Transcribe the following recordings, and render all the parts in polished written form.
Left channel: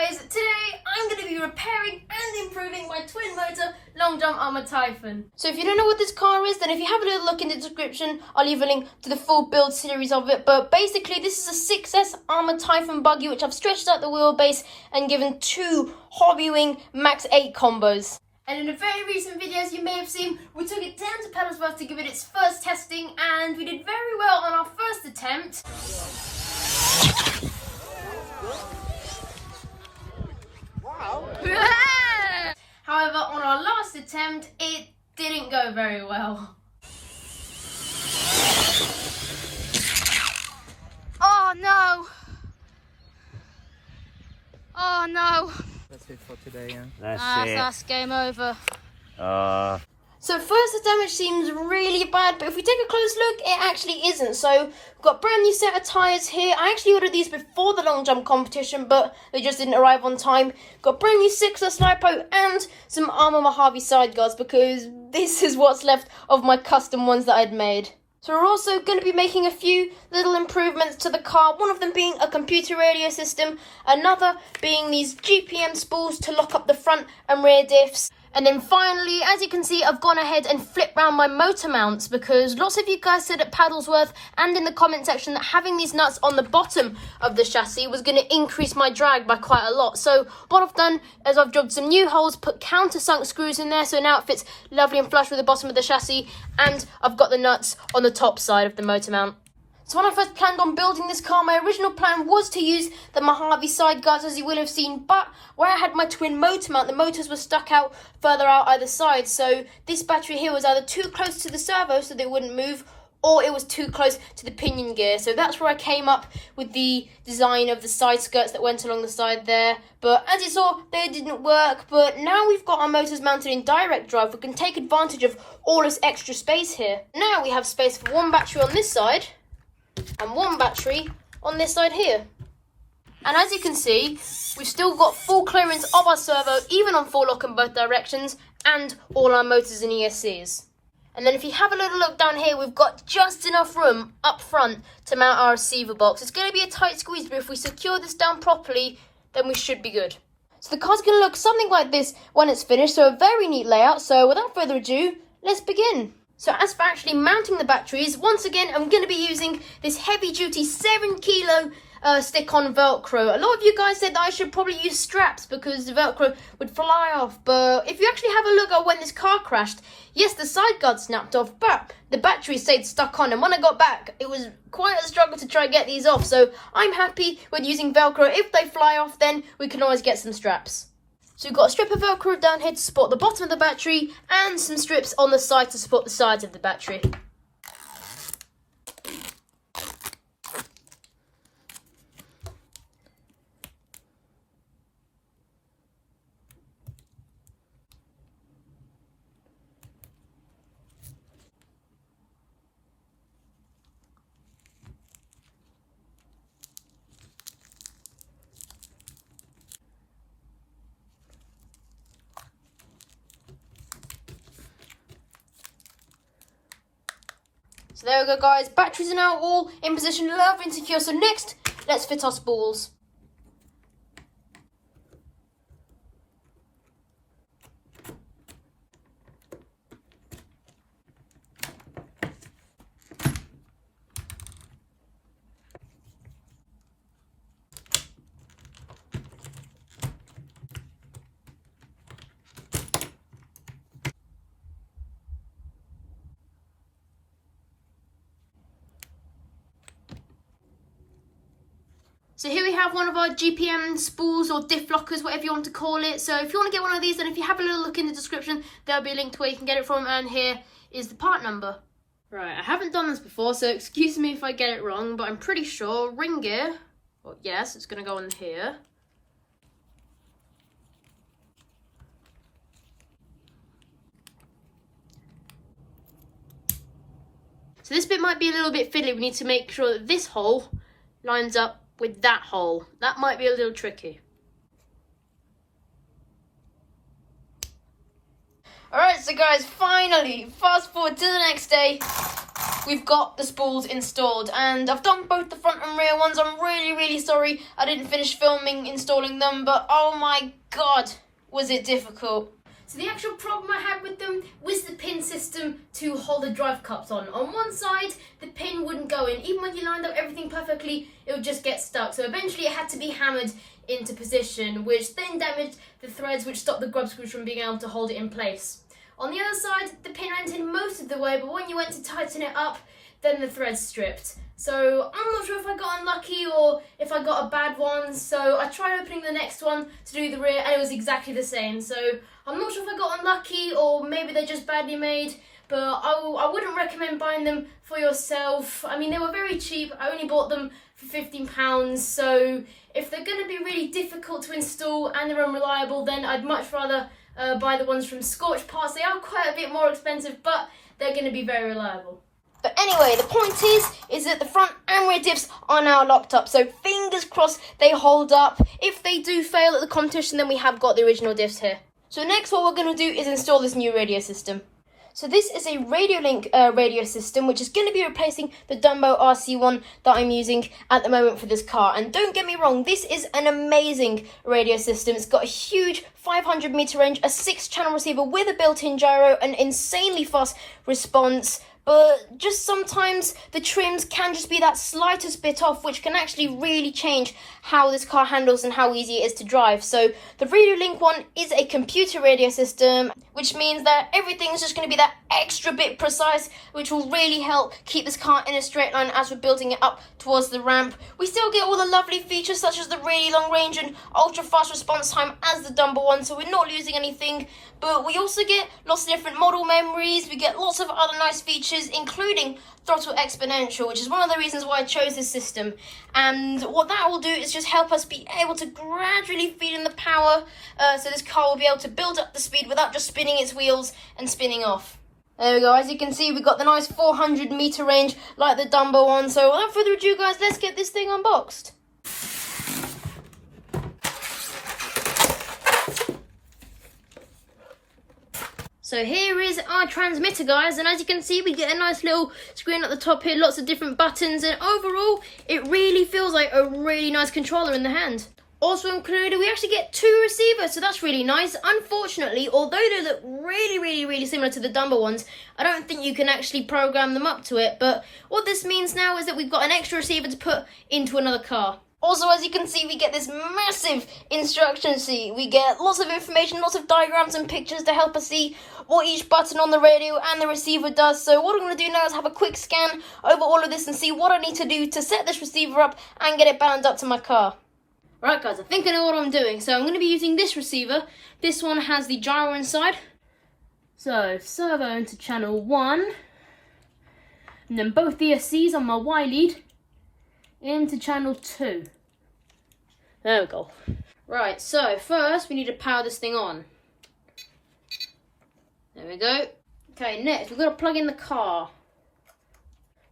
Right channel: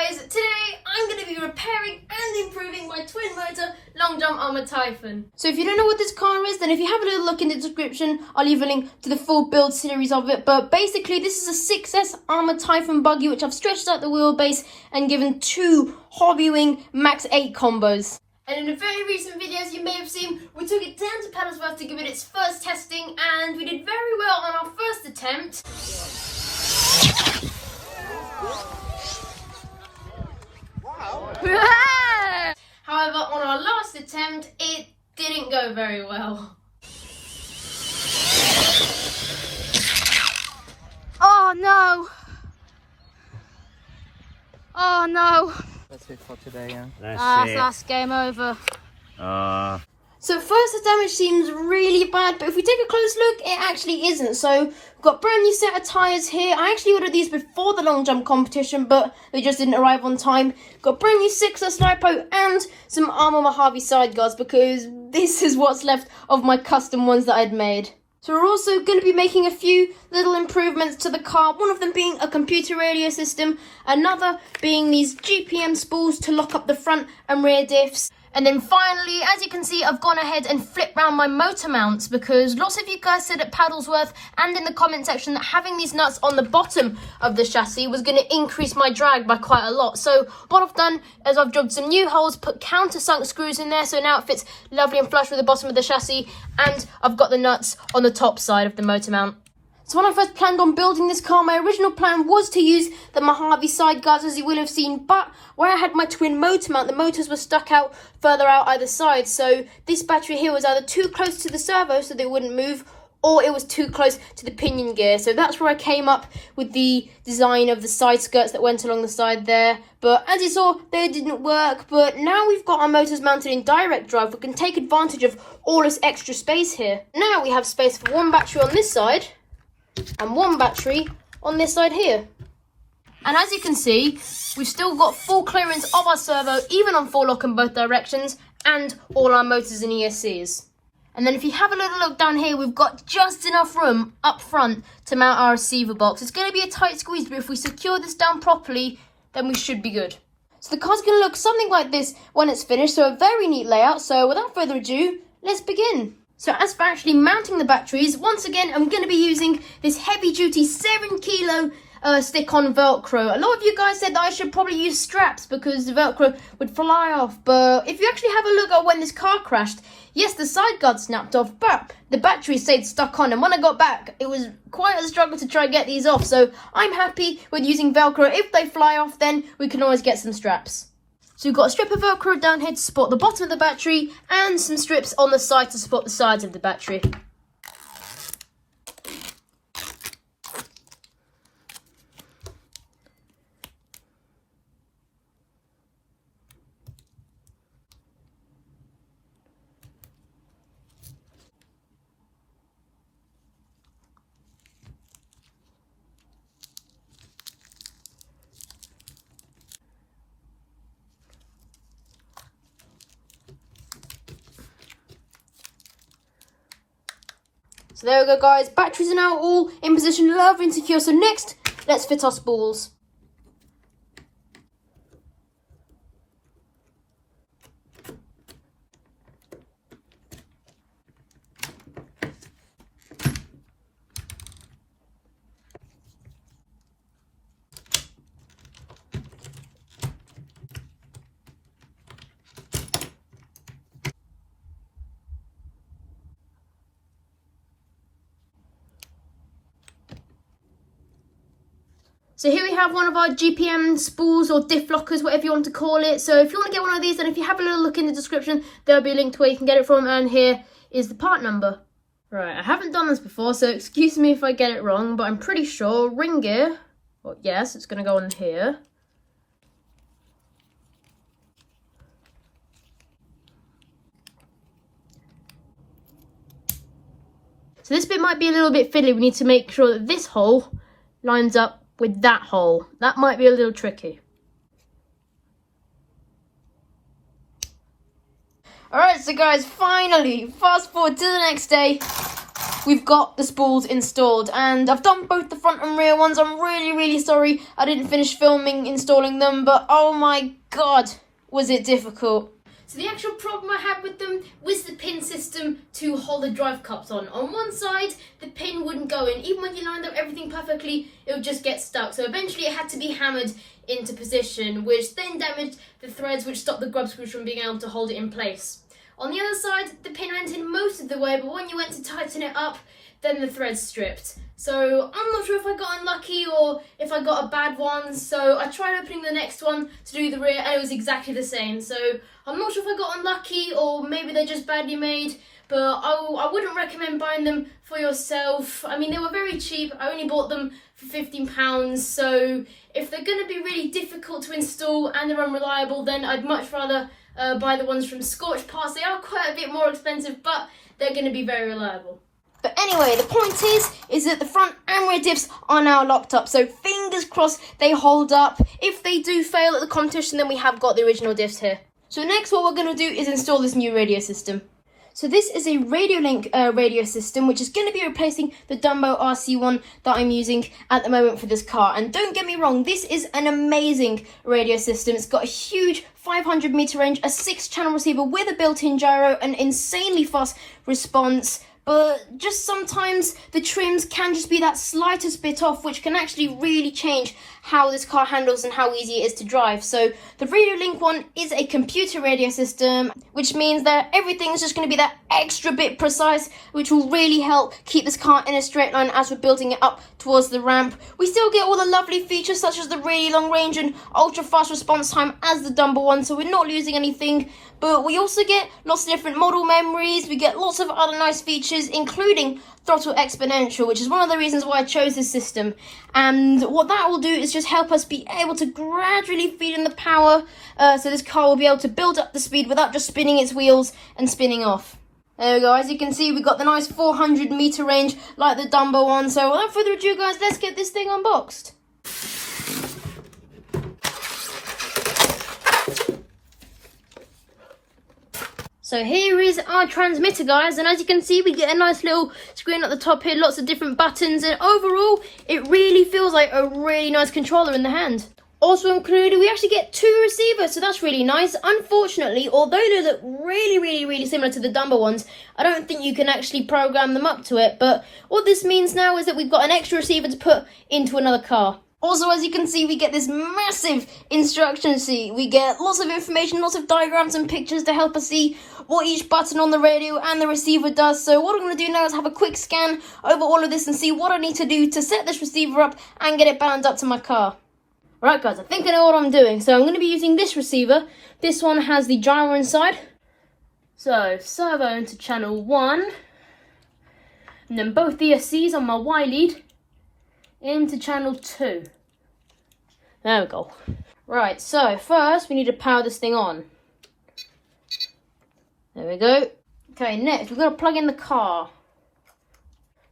guys, today I'm going to be repairing and improving my twin motor long jump Arrma Typhon. So if you don't know what this car is, then if you have a little look in the description, I'll leave a link to the full build series of it. But basically this is a 6S Arrma Typhon buggy which I've stretched out the wheelbase and given 2 Hobby Wing Max 8 combos. And in the very recent videos you may have seen, we took it down to Paddelsworth to give it its first testing, and we did very well on our first attempt. However, on our last attempt, it didn't go very well. Oh no! Oh no! That's it for today, yeah? That's game over. So first damage seems really bad, but if we take a close look, it actually isn't. So we've got a brand new set of tyres here. I actually ordered these before the long jump competition, but they just didn't arrive on time. Got a brand new 6S lipo and some Arrma Mojave side guards because this is what's left of my custom ones that I'd made. So we're also going to be making a few little improvements to the car, one of them being a computer radio system, another being these GPM spools to lock up the front and rear diffs. And then finally, as you can see, I've gone ahead and flipped round my motor mounts because lots of you guys said at Paddelsworth and in the comment section that having these nuts on the bottom of the chassis was going to increase my drag by quite a lot. So what I've done is I've jobbed some new holes, put countersunk screws in there, so now it fits lovely and flush with the bottom of the chassis, and I've got the nuts on the top side of the motor mount. So when I first planned on building this car, my original plan was to use the Mojave side guards, as you will have seen, but where I had my twin motor mount, the motors were stuck out further out either side, so this battery here was either too close to the servo so they wouldn't move, or it was too close to the pinion gear. So that's where I came up with the design of the side skirts that went along the side there. But as you saw, they didn't work. But now we've got our motors mounted in direct drive, we can take advantage of all this extra space here. Now we have space for one battery on this side and one battery on this side here. And as you can see, we've still got full clearance of our servo, even on full lock in both directions, and all our motors and ESCs. And then if you have a little look down here, we've got just enough room up front to mount our receiver box. It's going to be a tight squeeze, but if we secure this down properly, then we should be good. So the car's going to look something like this when it's finished, so a very neat layout. So without further ado, let's begin. So as for actually mounting the batteries, once again, I'm going to be using this heavy-duty 7-kilo stick-on Velcro. A lot of you guys said that I should probably use straps because the Velcro would fly off. But if you actually have a look at when this car crashed, yes, the side guard snapped off, but the battery stayed stuck on. And when I got back, it was quite a struggle to try and get these off. So I'm happy with using Velcro. If they fly off, then we can always get some straps. So we've got a strip of Velcro down here to support the bottom of the battery and some strips on the side to support the sides of the battery. So there we go, guys. Batteries are now all in position, lovely and secure. So next, let's fit our spools. So here we have one of our GPM spools or diff lockers, whatever you want to call it. So if you want to get one of these, then if you have a little look in the description, there'll be a link to where you can get it from. And here is the part number. Right, I haven't done this before, so excuse me if I get it wrong, but I'm pretty sure ring gear, well, yes, it's going to go on here. So this bit might be a little bit fiddly. We need to make sure that this hole lines up with that hole. That might be a little tricky. Alright, so guys, finally, fast forward to the next day. we've got the spools installed, and I've done both the front and rear ones. I'm really sorry I didn't finish filming installing them, but oh my god, was it difficult. So the actual problem I had with them was the pin system to hold the drive cups on. On one side, the pin wouldn't go in. Even when you lined up everything perfectly, it would just get stuck. So eventually it had to be hammered into position, which then damaged the threads, which stopped the grub screws from being able to hold it in place. On the other side, the pin went in most of the way, but when you went to tighten it up, then the threads stripped. So I'm not sure if I got unlucky or if I got a bad one. So I tried opening the next one to do the rear, and it was exactly the same. So I'm not sure if I got unlucky or maybe they're just badly made, but I wouldn't recommend buying them for yourself. I mean, they were very cheap. I only bought them for £15. So if they're going to be really difficult to install and they're unreliable, then I'd much rather buy the ones from Scorched Parts. They are quite a bit more expensive, but they're going to be very reliable. But anyway, the point is that the front and rear diffs are now locked up. So fingers crossed they hold up. If they do fail at the competition, then we have got the original diffs here. So next what we're going to do is install this new radio system. So this is a Radiolink radio system, which is going to be replacing the Dumbo RC1 that I'm using at the moment for this car. And don't get me wrong, this is an amazing radio system. It's got a huge 500 meter range, a 6-channel receiver with a built-in gyro, an insanely fast response. But just sometimes the trims can just be that slightest bit off, which can actually really change how this car handles and how easy it is to drive. So the Radiolink one is a computer radio system, which means that everything is just going to be that extra bit precise, which will really help keep this car in a straight line as we're building it up towards the ramp. We still get all the lovely features such as the really long range and ultra fast response time as the Dumbo one, so we're not losing anything. But we also get lots of different model memories. We get lots of other nice features, including throttle exponential, which is one of the reasons why I chose this system. And what that will do is just help us be able to gradually feed in the power, so this car will be able to build up the speed without just spinning its wheels and spinning off. There we go. As you can see, we've got the nice 400 meter range like the Dumbo one. So without further ado, guys, let's get this thing unboxed. So here is our transmitter, guys, and as you can see, we get a nice little screen at the top here, lots of different buttons, and overall, it really feels like a really nice controller in the hand. Also included, we actually get 2 receivers, so that's really nice. Unfortunately, although they look really similar to the Dumbo ones, I don't think you can actually program them up to it, but what this means now is that we've got an extra receiver to put into another car. Also, as you can see, we get this massive instruction sheet. We get lots of information, lots of diagrams and pictures to help us see what each button on the radio and the receiver does. So what I'm going to do now is have a quick scan over all of this and see what I need to do to set this receiver up and get it bound up to my car. Right, guys, I think I know what I'm doing. So I'm going to be using this receiver. This one has the gyro inside. So servo into channel 1. And then both ESCs on my Y lead into channel 2. There we go. Right, so first we need to power this thing on. There we go. Okay, next we've got to plug in the car.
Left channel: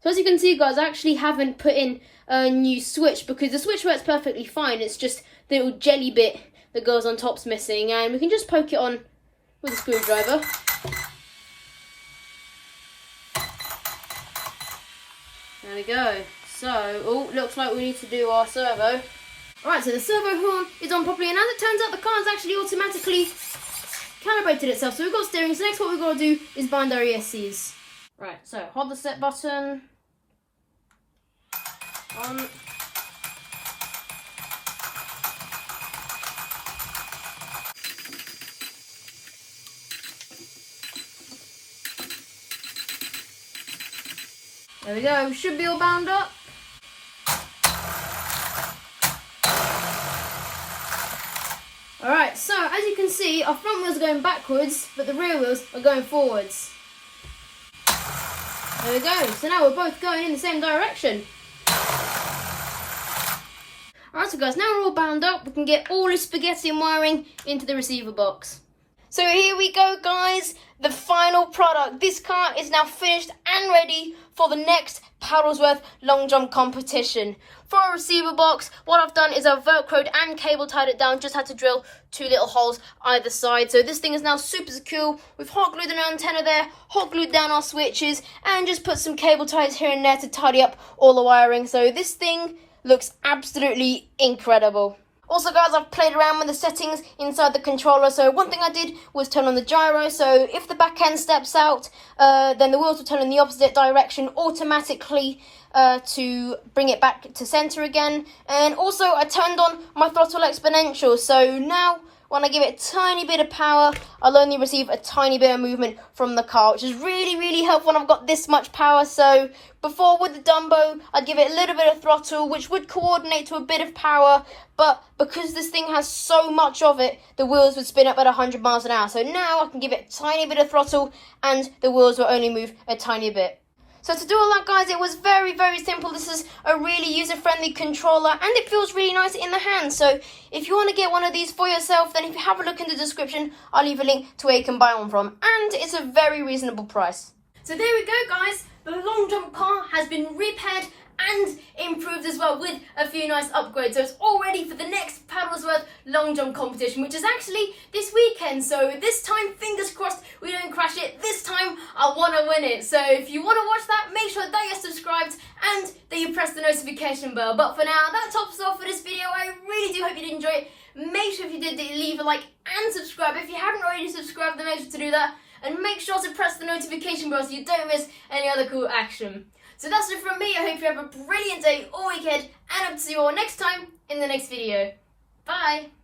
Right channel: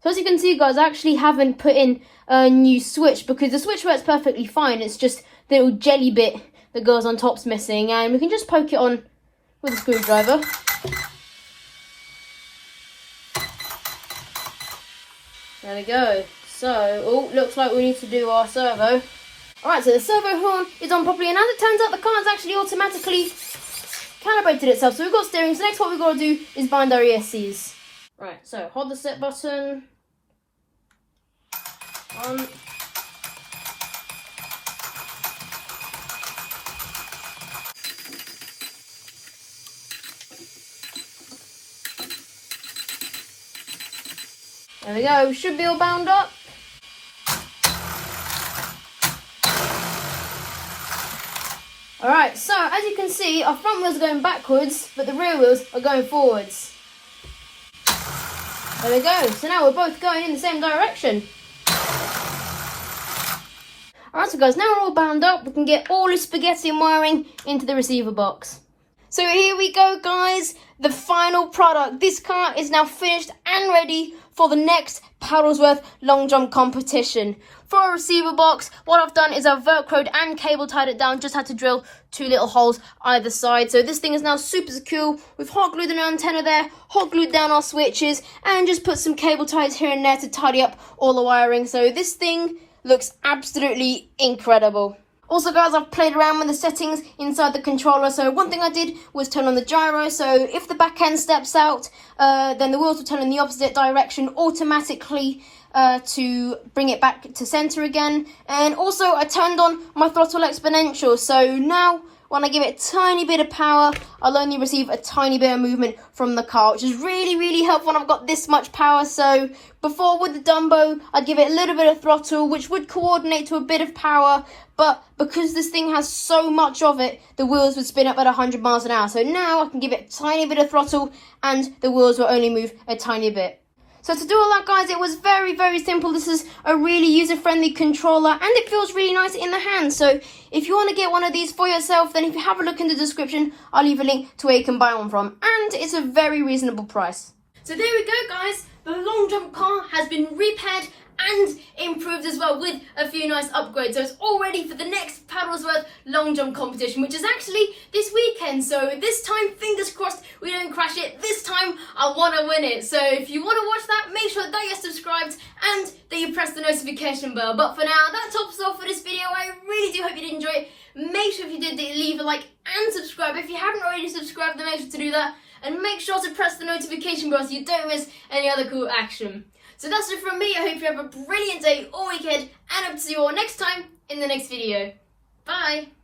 So as you can see, guys, I actually haven't put in a new switch because the switch works perfectly fine. It's just the little jelly bit that goes on top's missing, and we can just poke it on with a screwdriver. There we go. So, oh, looks like we need to do our servo. Alright, so the servo horn is on properly, and as it turns out, the car's actually automatically calibrated itself. So we've got steering, so next what we've got to do is bind our ESCs. Right, so hold the set button. On. There we go, should be all bound up. Alright, so as you can see, our front wheels are going backwards, but the rear wheels are going forwards. There we go, so now we're both going in the same direction. Alright, so guys, now we're all bound up, we can get all this spaghetti and wiring into the receiver box. So here we go, guys, the final product. This car is now finished and ready for the next paddelsworth long jump competition. for a receiver box, what I've done is I've velcroed and cable tied it down, just had to drill 2 little holes either side. So this thing is now super secure. We've hot glued an antenna there, hot glued down our switches, and just put some cable ties here and there to tidy up all the wiring. So this thing looks absolutely incredible. Also guys, I've played around with the settings inside the controller. So one thing I did was turn on the gyro. So if the back end steps out, then the wheels will turn in the opposite direction automatically to bring it back to center again. And also I turned on my throttle exponential. So now when I give it a tiny bit of power, I'll only receive a tiny bit of movement from the car, which is really helpful when I've got this much power. So before with the Dumbo, I'd give it a little bit of throttle, which would coordinate to a bit of power. But because this thing has so much of it, the wheels would spin up at 100 miles an hour. So now I can give it a tiny bit of throttle and the wheels will only move a tiny bit. So to do all that, guys, it was very simple. This is a really user-friendly controller and it feels really nice in the hand. So if you want to get one of these for yourself, then if you have a look in the description, I'll leave a link to where you can buy one from. And it's a very reasonable price. So there we go, guys. The long jump car has been repaired and improved as well with a few nice upgrades. So it's all ready for the next paddelsworth long jump competition, which is actually this weekend. So this time, fingers crossed, we don't crash it. This time, I want to win it. So if you want to watch that, make sure that you're subscribed and that you press the notification bell. But for now, that tops off for this video. I really do hope you did enjoy it. Make sure if you did, leave a like and subscribe. If you haven't already subscribed, then make sure to do that. And make sure to press the notification bell so you don't miss any other cool action. So that's it from me. I hope you have a brilliant day or weekend, and I hope to see you all next time in the next video. Bye!